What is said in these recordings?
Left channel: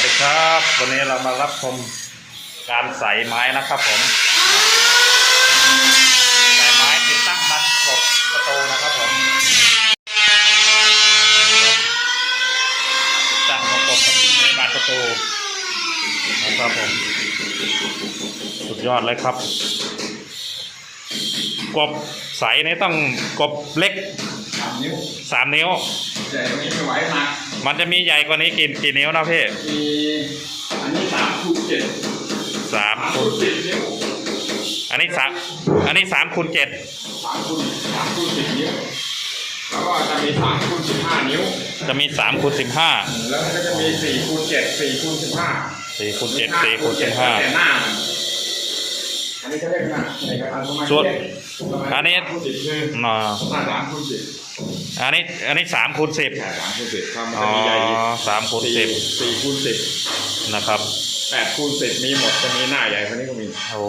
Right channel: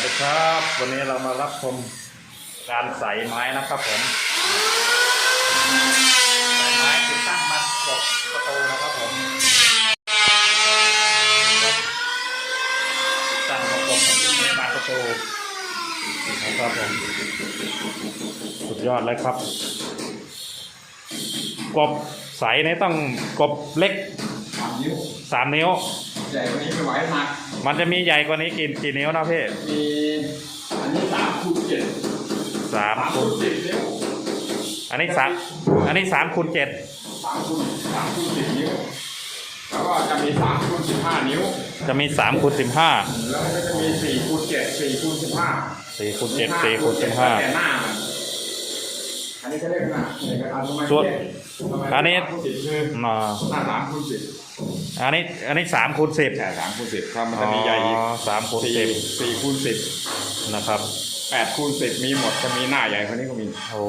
วัสดีครับ วันนี้เรามารับชมการใส่ไม้นะครับผมใส่ไม้ติดตั้งมัดกบประตูนะครับผมติดตั้งประกบในบานประตูนะครับผมสุดยอดเลยครับ กบใสนี่ต้องกบเล็กสามนิ้วสามนิ้วใหญ่กว่านี้ไม่ไหวหนัก มันจะมีใหญ่กว่านี้กี่กี่นิ้วนะพี่มีอันนี้สามคูณเจ็ดสามสามคูคูณณสิบนิ้วอันนี้สามอันนี้สามคูณเจ็ดสามคูณสามคูณสิบนิ้ว แล้วก็จะมีสามคูณสิบห้านิ้ว จะมีสามคูณสิบห้าแล้วมันก็จะมีสี่คูณเจ็ดสี่คูณสิบห้าสี่คูณเจ็ดสี่คูณสิบห้า แต่หน้ามันอันนี้เขาเรียกหน้าในกระดานประมาณส่วนเจ็ดประมาณอันนี้สามคูณสิบคืออ่าหน้าสามคูณสิบ อันนี้อันนี้สามคูณสิบใช่สามคูณสิบถ้ามันอ๋จะอมีใหญ่อีกสามคูณสิบสี่คูณสิบนะครับ แปดคูณสิบมีหมดจะมีหน้าใหญ่กว่านี้ก็มีโอ้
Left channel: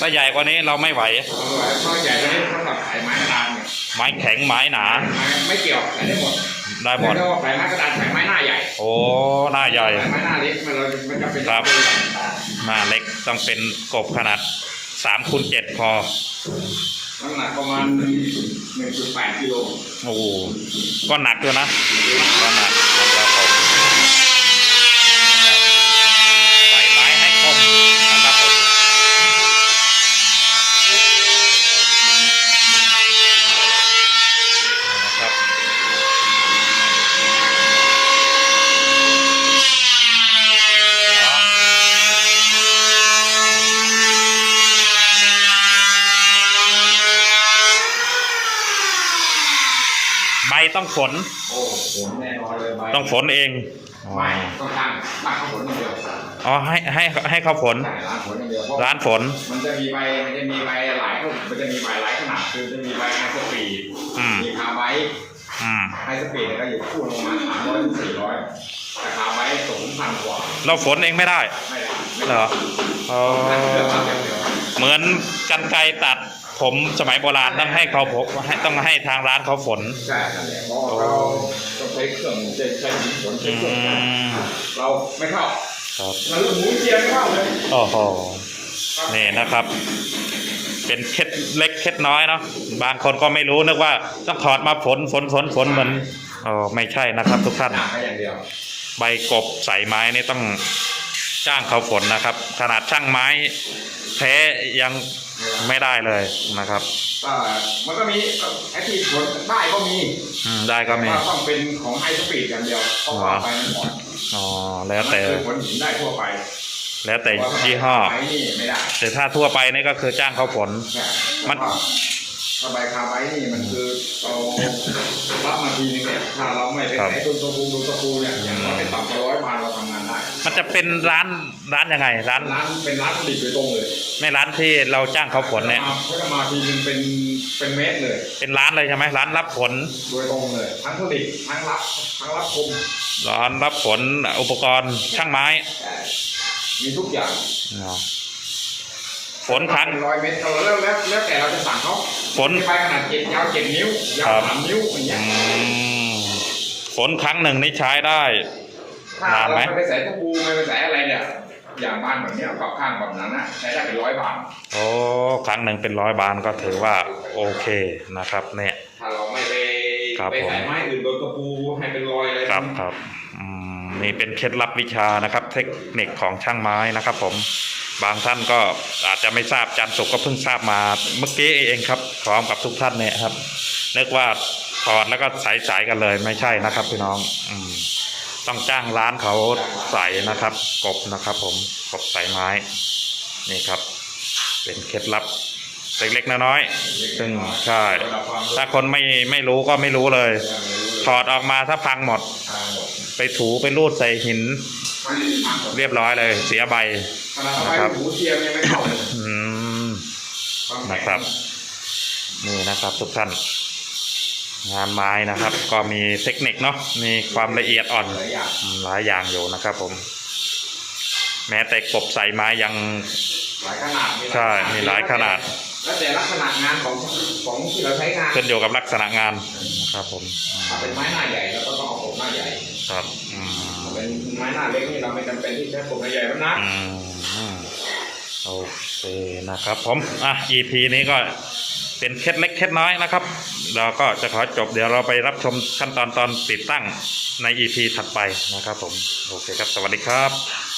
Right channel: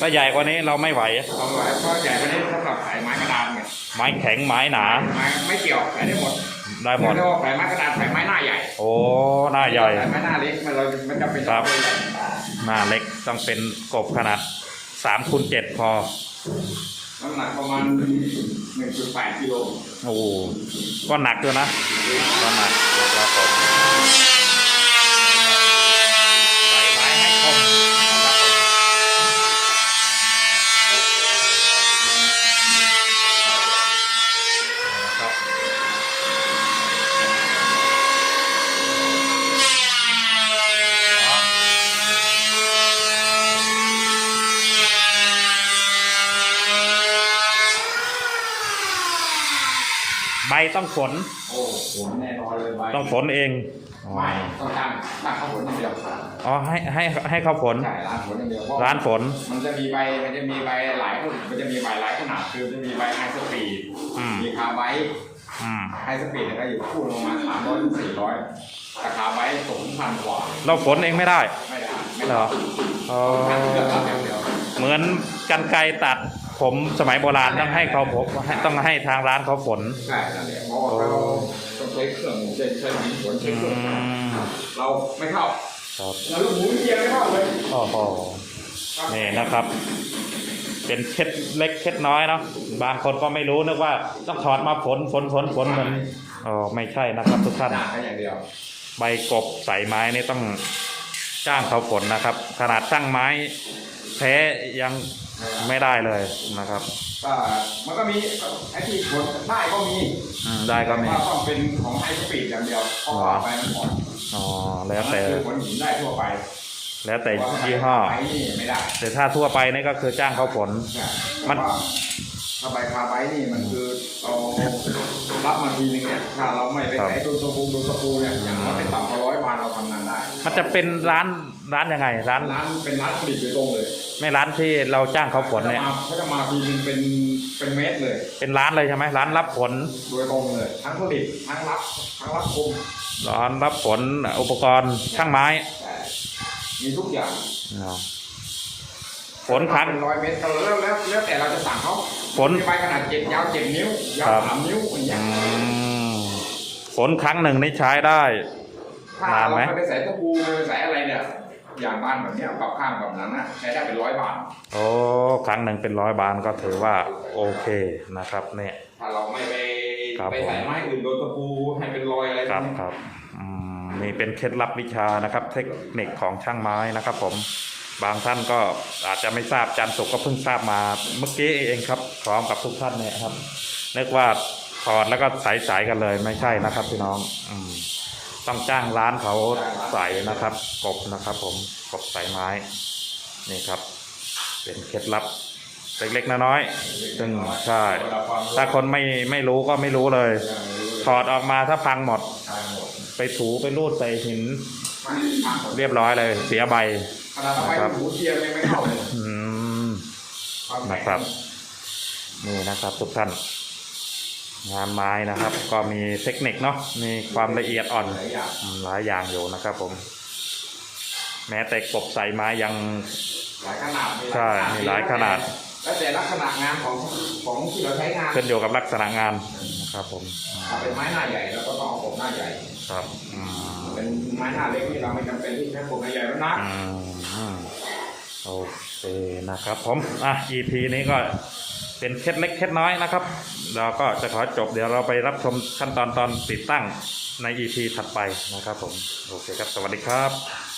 ถ้าใหญ่กว่านี้เราไม่ไหว เอาไว้เพราะใหญ่ไปนี่สำหรับขายไม้กระดานเนี่ยไม้แข็งไม้หนา ไม้ไม่เกี่ยวขายได้หมดได้หมด เรียกว่าขายไม้กระดานขายไม้หน้าใหญ่โอ้หน้าใหญ่ ขายไม้หน้าเล็กมันเรามันจะเป็นครับตัวใหญ่หน้าเล็กต้องเป็นกบขนาดสามคูณเจ็ดพอ น้ำหนักประมาณหนึ่งจุดแปดกิโล โอ้ก็หนักด้วยนะ ก็หนักนะครับผมใส่ไม้ให้คมนะครับผมนะครับ ใบ ต้องฝนโอ้โหแน่นอนเลยใบต้องฝนเองอ๋อไม่ต้องตั้งตั้งข้าวผลอย่างเดียวอ๋อให้ให้ให้เขาฝนใช่ร้านผลอย่างเดียวเพราะร้านฝน มันจะมีใบมันจะมีใบหลายมันจะมีใบหลายขนาดคือจะมีใบไฮสปีดอืม มีคาร์ไบต์อืม ไฮสปีดเนี่ยก็อยู่คู่ลงมาสามร้อยถึงสี่ร้อยแต่คาร์ไบต์สูงพันกว่าเราฝนเองไม่ได้ ไม่ได้ไม่เหรได้อ อ๋อเลือกเอาอย่างเดียวเหมือนกันไกรตัด ผมสมัยโบราณต้องให้เขาผมให้ต้องให้ทางร้านเขาฝน ใช่นั่นแหละเพราะว่าเราต้องใช้เครื่องใช้ใช้หินฝนใช้อืเครื่องจักรมเราไม่เข้าครับเราลูกหมูเทียมไม่เข้าเลยโอ้โหนี่นะครับ เป็นเคล็ดเล็กเคล็ดน้อยเนาะบางคนก็ไม่รู้นึกว่าต้องถอดมาฝนฝนฝนฝนเหมือนอ๋อไม่ใช่นะครับ ทุกท่านหนักแค่อย่างเดียวใบกบใส่ไม้นี่ต้องจ้างเขาฝนนะครับ ขนาดช่างไม้แท้ยัง ไม่ได้เลยนะครับก็มันก็มีไอ้ที่ผลได้ก็มีอืมได้ก็มีว่าต้องเป็นของไฮสปีดอย่างเดียวเพราะว่าไปมันอ่อนอ๋อแล้วแต่มันคือผลหินได้ทั่วไป แล้วแต่ยี่ห้อไม้นี่ไม่ได้แต่ถ้าทั่วไปนี่ก็คือจ้างเขาฝนใช่มันเพราะว่า ถ้าใบคาไว้นี่มันคือเรารับมาทีนึงเนี่ยถ้าเราไม่ไปครับใช้ต้นตะปูต้นตะปูเนี่ยอย่างน้อยไม่ต่ำกว่าร้อยพันเราทำงานได้มันจะเป็นร้านร้านยังไง ร้านร้านเป็นร้านผลิตโดยตรงเลยไม่ร้านที่เราจ้างเขาฝนเนี่ยเขาจะมาทีนึงเป็นเป็นเมตรเลย เป็นร้านเลยใช่ไหมร้านรับฝนโดยตรงเลย ทั้งผลิตทั้งรับทั้งรับคมร้านรับฝนอุปกรณ์ช่างไม้แต่มีทุกอย่างอ๋อฝนครั้งเป็นร้อยเมตรเราแล้วแล้วแล้วแต่เราจะสั่งเขา ฝนมีใบขนาดเจ็ดยาวเจ็ดนิ้วยาครัวบสามนิ้วอย่างเงี้ยอืมฝนครั้งหนึ่งนี่ใช้ได้ ถ้านานไหมเราไม่ไปใส่ตะปูไม่ไปใส่อะไรเนี่ยอย่างบ้านแบบเนี้ยกับข้างแบบนั้นนะใช้ได้เป็นร้อยบาทโอ้ครั้งหนึ่งเป็นร้อยบานก็ถือว่าโอเคนะครับ เนี่ย ถ้าเราไม่ไปครับไปใส่ผมไม้อื่นโดนตะปูให้เป็นรอยอะไรครับครับอืมนี่เป็นเคล็ดลับวิชานะครับ เทคนิคของช่างไม้นะครับ ผม บางท่านก็อาจจะไม่ทราบจันสุกก็เพิ่งทราบมาเมื่อกี้เองครับ พร้อมกับทุกท่านเนี่ยครับนึกว่าถอดแล้วก็ใสายสายกันเลยไม่ใช่นะครับ พี่น้อง อืม ต้องจ้างร้านเขาใส่นะครับ กบนะครับ ผมกบใส่ไม้ นี่ครับ เป็นเคล็ดลับเล็กๆน้อยๆซึ่งใช่ ถ้าคนไม่ไม่รู้ก็ไม่รู้เลย ถอดออกมาถ้าพังหมด ไปถูไปรูดใส่หิน เรียบร้อยเลย เสียใบ นาดเอานะไปครับหมูเทียมยังไม่เข้าเลยอืมนะครับ นี่นะครับทุกท่าน งานไม้นะครับ ก็มีเทคนิคเนาะมีความละเอียดอ่อนหลายอย่างอืมหลายอย่างอยู่นะครับ ผม แม้แต่กบใส่ไม้ยังหลายขนาดใช่มีหลายขนาดแล้วแต่ลักษณะงานของของที่เราใช้งานขึ้นอยู่กับลักษณะงานนะครับ ผมอืมถ้าเป็นไม้หน้าใหญ่แล้วก็ต้องเอาผมหน้าใหญ่ ครับอืมไปเป็นไม้หน้าเล็กนี่เราไม่จำเป็นที่จะปลูกใหญ่แล้วนะอืม โอเคนะครับผมอะ EP นี้ก็เป็นเคล็ดเล็กเคล็ดน้อยนะครับ เราก็จะขอจบเดี๋ยวเราไปรับชมขั้นตอนตอนติดตั้งใน EP ถัดไปนะครับผม โอเคครับ สวัสดีครับ